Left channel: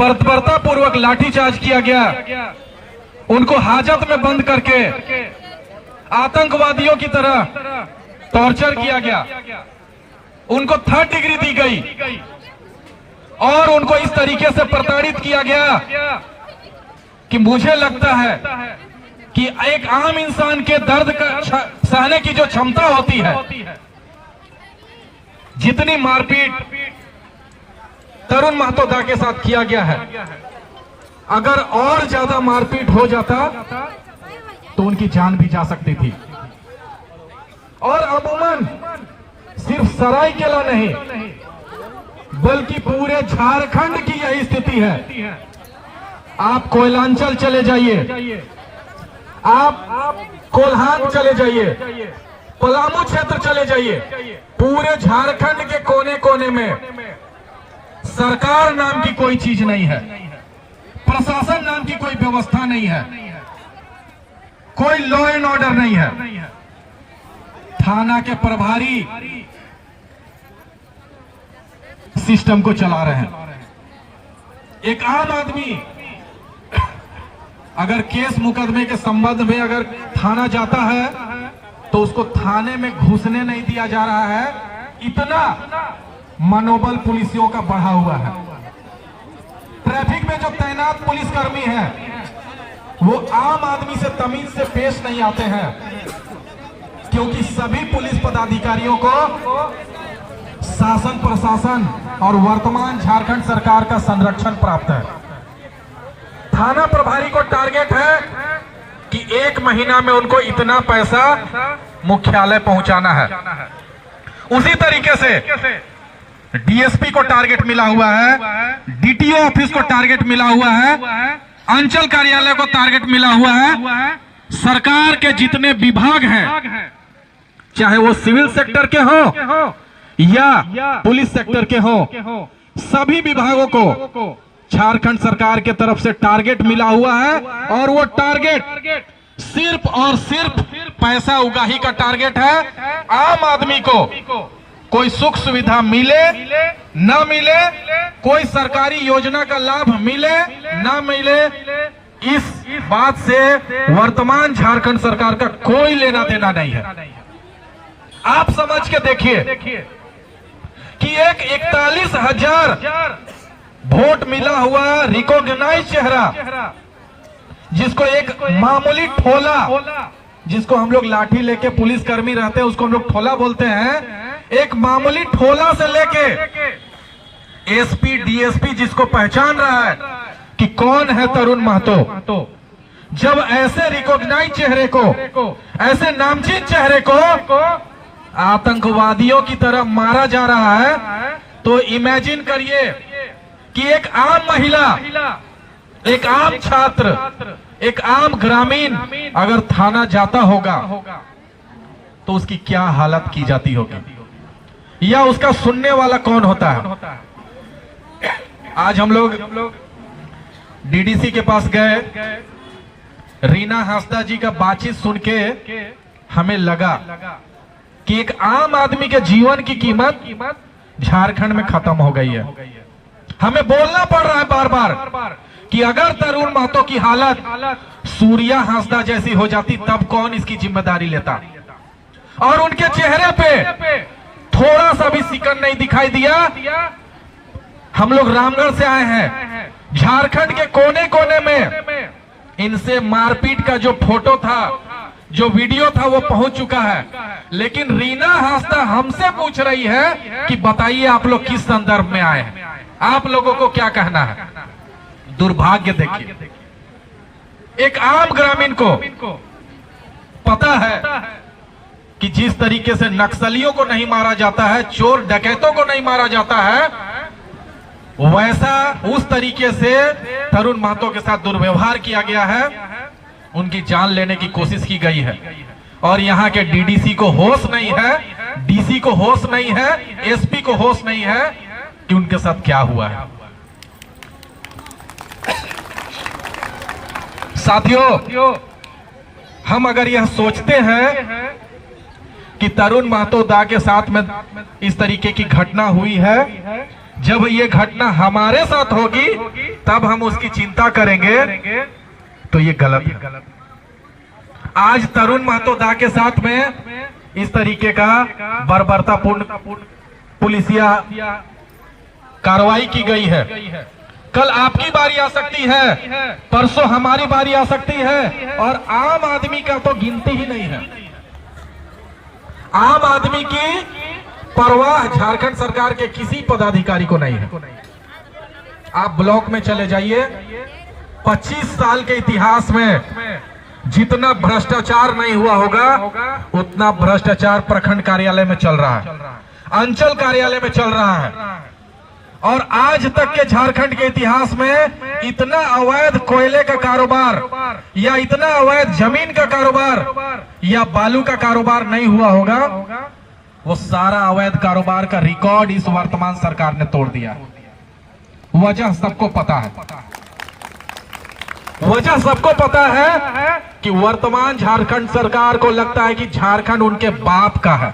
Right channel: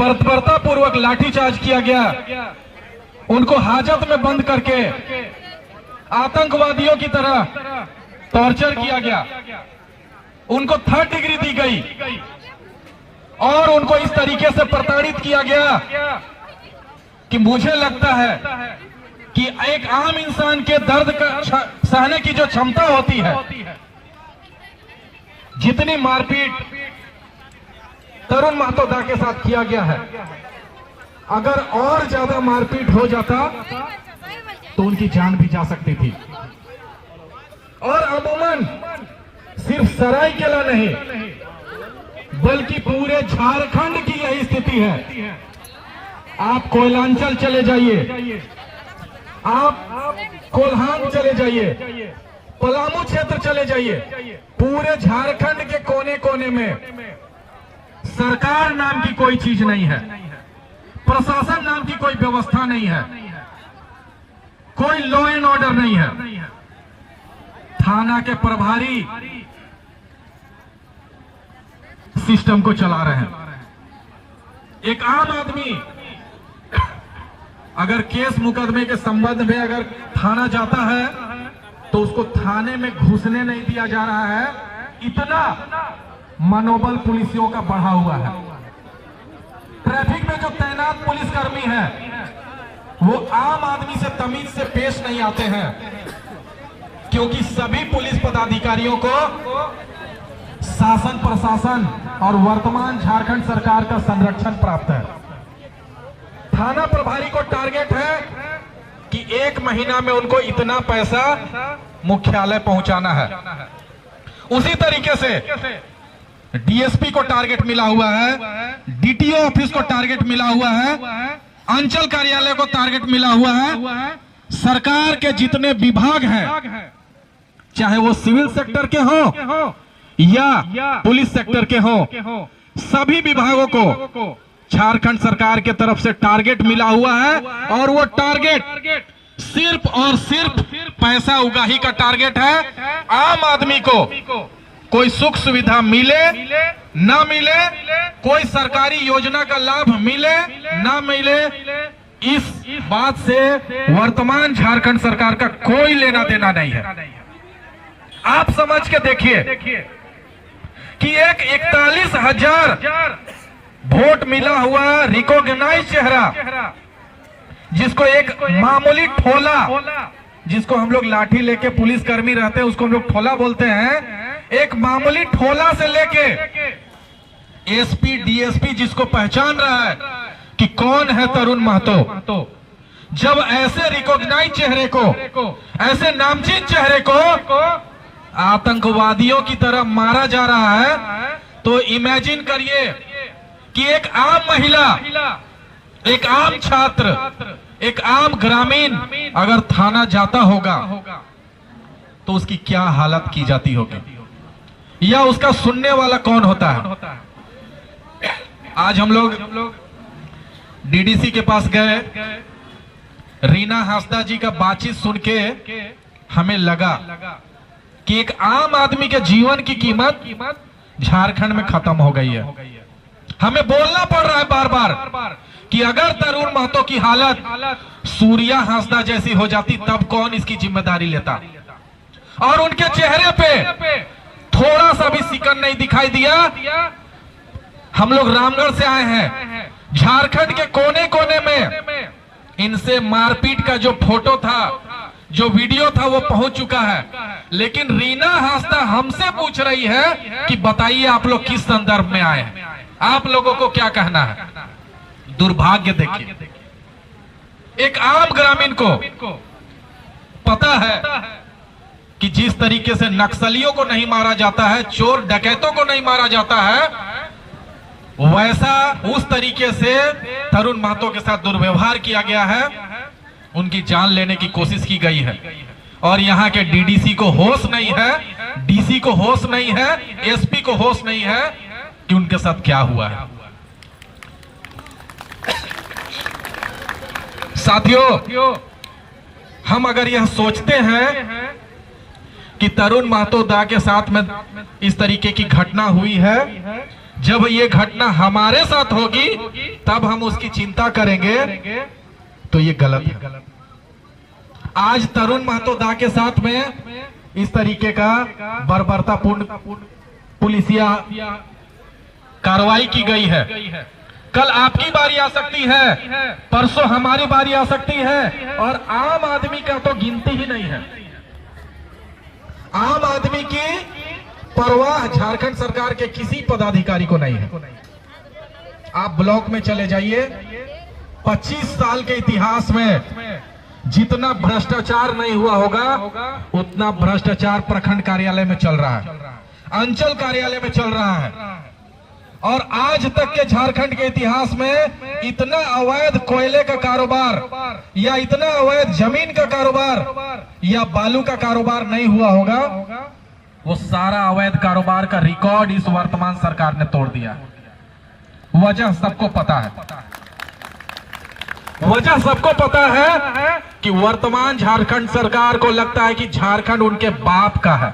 बर्बरता पूर्वक लाठीचार्ज किया गया, उनको हाजत में बंद करके आतंकवादियों की तरह टॉर्चर किया गया, उनको 3rd डिग्री दी गई और उनको इस तरीके से प्रताड़ित किया गया कि मुझे लगता है कि एक आम इंसान के दर्द का सहने की जो क्षमता होती है, जितनी मारपीट तरुण महतो दा के साथ किया गया है, अगर और ज्यादा मारपीट हो जाता तो उनकी जान भी जा सकती थी। और अमूमन सिर्फ सरायकेला नहीं बल्कि पूरे झारखंड की यही स्थिति है। आप कोयलांचल चले जाइए, आप कोल्हान चले जाइए, पलामू क्षेत्र चले जाइए, पूरे झारखंड के कोने कोने में सरकार नाम की कोई चीज नहीं है, प्रशासन नाम की कोई व्यवस्था नहीं है, कोई लॉ एंड ऑर्डर नहीं है। थाना के प्रभारी सिस्टम को चला रहे हैं। एक आम आदमी अगर केस मुकदमे के संबंध में अगर थाना जाता है तो उसको थाने में घुसने नहीं दिया जा रहा है। इतना मनोबल पुलिसियों का बढ़ा हुआ है। ट्रैफिक में जो तैनात पुलिसकर्मी है वो आम आदमी से तमीज से पेश नहीं आते हैं, क्योंकि सभी पुलिस पदाधिकारियों को शासन प्रशासन और वर्तमान झारखंड सरकार का संरक्षण प्राप्त है। थाना प्रभारी को टारगेट है कि 1 महीना में उनको इतना पैसा मुख्यालय पहुंचाना है। उसी तरीके से डीएसपी को टारगेट मिला हुआ है, डीटीओ ऑफिस को टारगेट मिला हुआ है, अंचल कार्यालय को टारगेट मिला हुआ है। सरकार के जितने विभाग हैं, चाहे वो सिविल सेक्टर के हो या पुलिस सेक्टर के हो, सभी विभागों को झारखंड सरकार के तरफ से टारगेट मिला हुआ है। और वो टारगेट सिर्फ और सिर्फ पैसा उगाही का टारगेट है। आम आदमी को कोई सुख सुविधा मिले ना मिले, कोई सरकारी योजना का लाभ मिले ना मिले, इस बात से वर्तमान झारखंड सरकार का कोई लेना देना नहीं है। आप समझ के देखिए कि एक 41,000 वोट मिला हुआ रिकॉग्नाइज चेहरा, जिसको एक मामूली ठोला, जिसको हम लोग लाठी लेके पुलिसकर्मी रहते हैं उसको हम लोग ठोला बोलते हैं, एक मामूली ठोला से लेके एसपी डीएसपी जिसको पहचान रहा है कि कौन है तरुण महतो, जब ऐसे रिकॉग्नाइज चेहरे को, ऐसे नामचीन चेहरे को आतंकवादियों की तरह मारा जा रहा है, तो इमेजिन करिए कि एक आम महिला, एक आम छात्र, एक आम ग्रामीण अगर थाना जाता होगा तो उसकी क्या हालत की जाती होगी, या उसका सुनने वाला कौन होता है। आज हम लोग डीडीसी के पास गए, रीना हांसदा जी का बातचीत सुन के हमें लगा कि एक आम आदमी के जीवन की कीमत झारखंड में खत्म हो गई है। हमें बोलना पड़ रहा है बार बार कि अगर तरुण महतो की हालत सूर्या हांसदा जैसी हो जाती तब कौन इसकी जिम्मेदारी लेता। और उनके चेहरे पे थोड़ा सा भी सिकन नहीं दिखाई दिया। हम लोग रामगढ़ से आए हैं, झारखंड के कोने कोने में इनसे मारपीट का जो फोटो था, जो वीडियो था, वो पहुंच चुका है। लेकिन रीना हांसदा हमसे पूछ रही है कि बताइए आप लोग किस संदर्भ में आए हैं, आप लोगों को क्या कहना है। दुर्भाग्य देखिए, एक आम ग्रामीण को पता है कि जिस तरीके से नक्सलियों को नहीं मारा जाता है, चोर डकैतों को नहीं मारा जाता है, वैसा उस तरीके से तरुण महतो के साथ दुर्व्यवहार किया गया है, उनकी जान लेने की कोशिश की गई है। और यहाँ के डीडीसी को होश नहीं है, डीसी को होश नहीं है, एसपी को होश नहीं है कि उनके साथ क्या हुआ है। साथियों, हम अगर यह सोचते हैं कि तरुण महतो दा के साथ में इस तरीके की घटना हुई है, जब ये घटना हमारे साथ होगी तब हम उसकी चिंता करेंगे, तो ये गलत है। आज तरुण महतो दा के साथ में इस तरीके का बर्बरतापूर्ण पुलिसिया कार्रवाई की गई है। कल आपकी बारी आ सकती है, परसों हमारी बारी आ सकती है, और आम आदमी का तो गिनती ही नहीं है। आम आदमी की परवाह झारखंड सरकार के किसी पदाधिकारी को नहीं है। आप ब्लॉक में चले जाइए, 25 साल के इतिहास में जितना भ्रष्टाचार नहीं हुआ होगा उतना भ्रष्टाचार प्रखंड कार्यालय में चल रहा है, अंचल कार्यालय में चल रहा है। और आज तक के झारखंड के इतिहास में इतना अवैध कोयले का कारोबार या इतना अवैध जमीन का कारोबार या बालू का कारोबार नहीं हुआ होगा। वो सारा अवैध कारोबार का रिकॉर्ड इस वर्तमान सरकार ने तोड़ दिया। वजह सबको पता है, वजह सबको पता है कि वर्तमान झारखंड सरकार को लगता है कि झारखंड उनके बाप का है।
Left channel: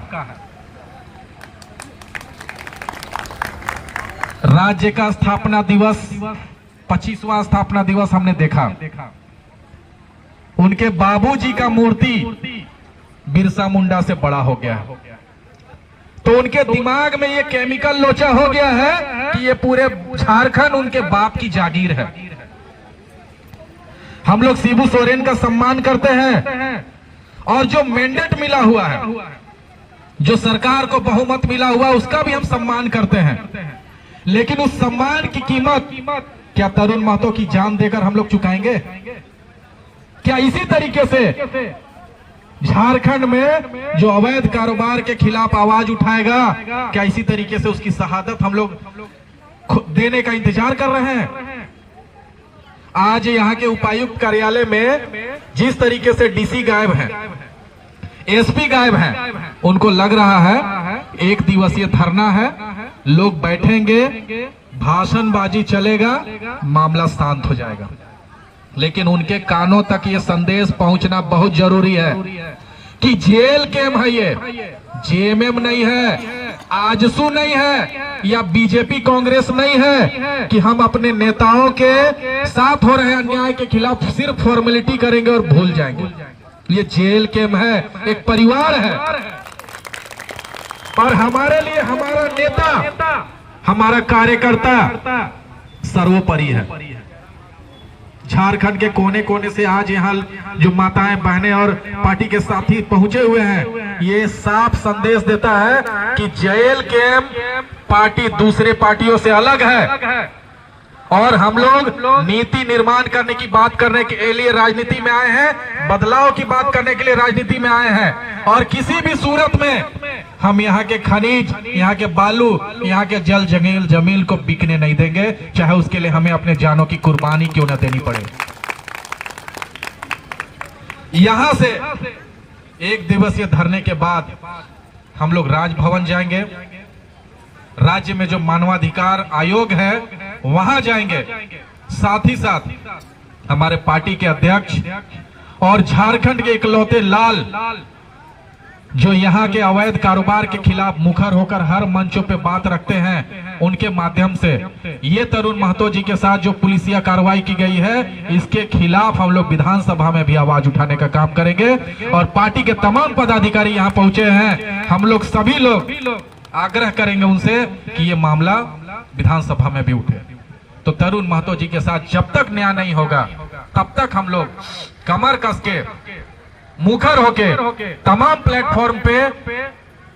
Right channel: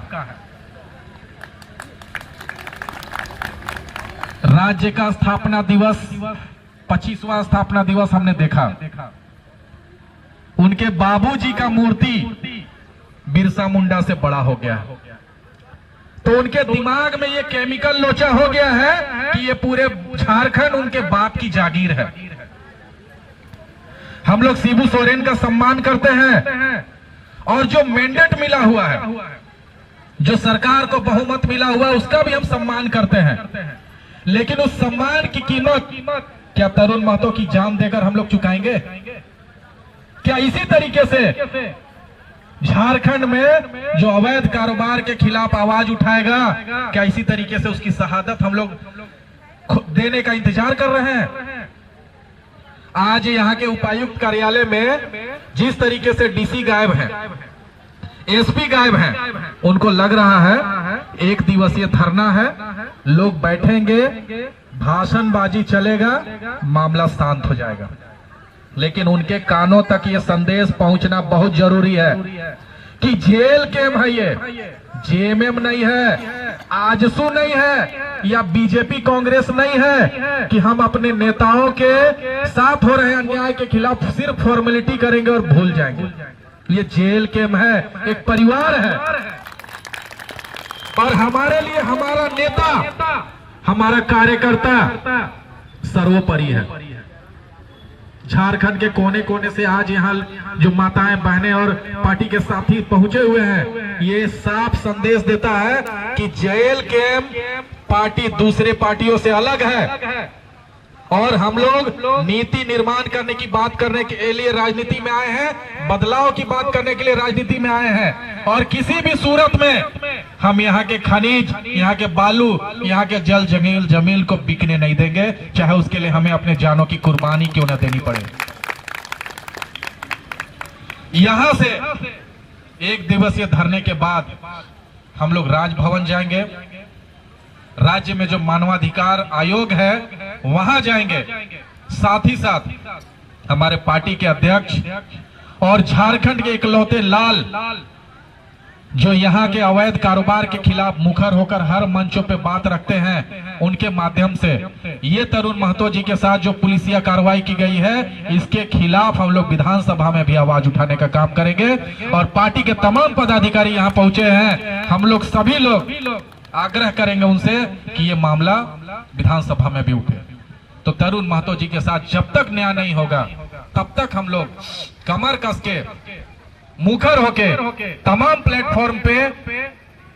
राज्य का स्थापना दिवस 25वां स्थापना दिवस हमने देखा, उनके बाबूजी का मूर्ति बिरसा मुंडा से बड़ा हो गया, तो उनके दिमाग में ये केमिकल लोचा हो गया है कि ये पूरे झारखंड उनके बाप की जागीर है। हम लोग शिबू सोरेन का सम्मान करते हैं, और जो मैंडेट मिला हुआ है, जो सरकार को बहुमत मिला हुआ, उसका भी हम सम्मान करते हैं। लेकिन उस सम्मान की कीमत क्या तरुण महतो की जान देकर हम लोग चुकाएंगे? क्या इसी तरीके से झारखंड में जो अवैध कारोबार के खिलाफ आवाज उठाएगा, क्या इसी तरीके से उसकी शहादत हम लोग देने का इंतजार कर रहे हैं? आज यहाँ के उपायुक्त कार्यालय में जिस तरीके से डीसी गायब है, एसपी गायब हैं, उनको लग रहा है एक दिवसीय धरना है, लोग बैठेंगे, भाषणबाजी चलेगा, मामला शांत हो जाएगा। लेकिन उनके कानों तक ये संदेश पहुंचना बहुत जरूरी है कि जेल केम है, ये जेएमएम नहीं है, आजसू नहीं है, या बीजेपी कांग्रेस नहीं है कि हम अपने नेताओं के साथ हो रहे अन्याय के खिलाफ सिर्फ फॉर्मेलिटी करेंगे और भूल जाएंगे। ये जेल केम है, एक परिवार है, और हमारे लिए हमारा नेता, हमारा कार्यकर्ता सर्वोपरि है। झारखंड के कोने कोने से आज यहाँ जो माताएं, बहनें और पार्टी के साथी पहुंचे हुए हैं, ये साफ संदेश देता है कि जेल केम पार्टी दूसरे पार्टियों से अलग है, और हम लोग नीति निर्माण करने की बात करने के लिए राजनीति में आए हैं, बदलाव की बात करने के लिए राजनीति में आए हैं। और किसी भी सूरत में हम यहाँ के खनिज, यहाँ के बालू, यहाँ के जल जमीन को बिकने नहीं देंगे, चाहे उसके लिए हमें अपने जानों की कुर्बानी क्यों न देनी पड़े। यहाँ से एक दिवसीय धरने के बाद हम लोग राजभवन जाएंगे, राज्य में जो मानवाधिकार आयोग है वहां जाएंगे, साथ ही साथ हमारे पार्टी के अध्यक्ष और झारखंड के इकलौते लाल जो यहाँ के अवैध कारोबार के खिलाफ मुखर होकर हर मंचों पे बात रखते हैं, उनके माध्यम से ये तरुण महतो जी के साथ जो पुलिसिया कार्रवाई की गई है, इसके खिलाफ हम लोग विधानसभा में भी आवाज उठाने का काम करेंगे। और पार्टी के तमाम पदाधिकारी यहाँ पहुंचे हैं, हम लोग सभी लोग आग्रह करेंगे उनसे कि ये मामला विधानसभा में भी उठे। तो तरुण महतो जी के साथ जब तक न्याय नहीं होगा तब तक हम लोग कमर कस के मुखर होके तमाम प्लेटफॉर्म पे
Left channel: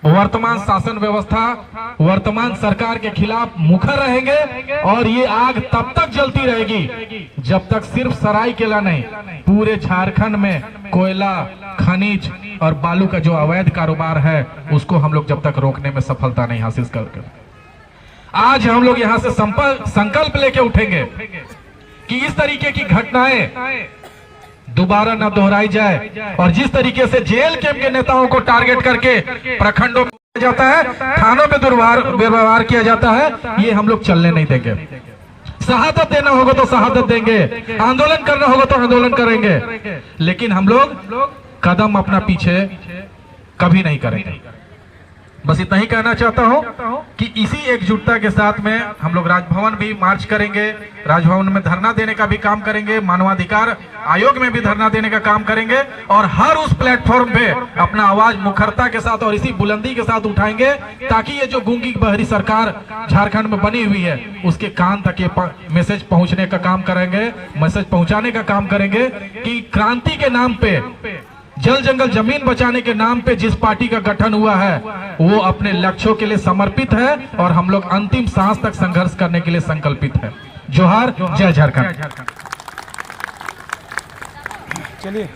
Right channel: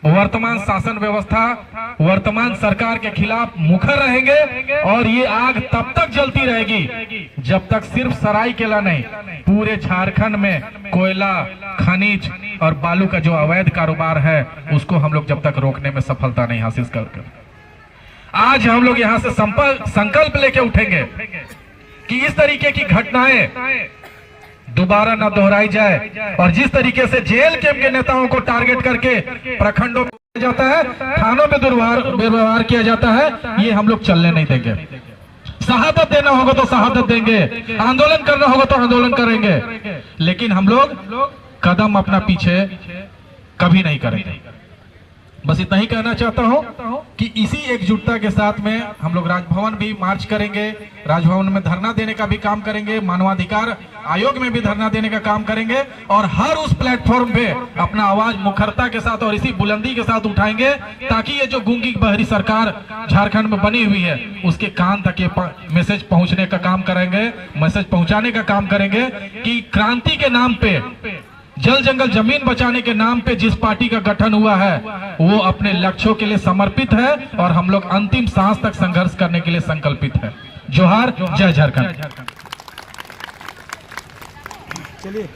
वर्तमान शासन व्यवस्था, वर्तमान सरकार के खिलाफ मुखर रहेंगे। और ये आग तब तक जलती रहेगी जब तक सिर्फ सरायकेला नहीं, पूरे झारखंड में कोयला, खनिज और बालू का जो अवैध कारोबार है उसको हम लोग जब तक रोकने में सफलता नहीं हासिल करते। आज हम लोग यहाँ से संकल्प लेके उठेंगे कि इस तरीके की घटनाएं दोबारा न दोहराई जाए, और जिस तरीके से जेल के नेताओं को टारगेट करके प्रखंडों में जाता है, थानों में दुर्व्यवहार किया जाता है, ये हम लोग चलने नहीं देंगे। शहादत देना होगा तो शहादत देंगे, आंदोलन करना होगा तो आंदोलन करेंगे, लेकिन हम लोग कदम अपना पीछे कभी नहीं करेंगे। बस इतना ही कहना चाहता हूं कि इसी एकजुटता के साथ में हम लोग राजभवन भी मार्च करेंगे, राजभवन में धरना देने का भी काम करेंगे, मानवाधिकार आयोग में भी धरना देने का काम करेंगे और हर उस प्लेटफॉर्म पे अपना आवाज मुखरता के साथ और इसी बुलंदी के साथ उठाएंगे, ताकि ये जो गूंगी बहरी सरकार झारखंड में बनी हुई है उसके कान तक ये मैसेज पहुंचने का काम करेंगे, मैसेज पहुंचाने का काम करेंगे कि क्रांति के नाम पे, जल जंगल जमीन बचाने के नाम पे जिस पार्टी का गठन हुआ है वो अपने लक्ष्यों के लिए समर्पित है और हम लोग अंतिम सांस तक संघर्ष करने के लिए संकल्पित है। जोहार, जय झारखंड। चलिए।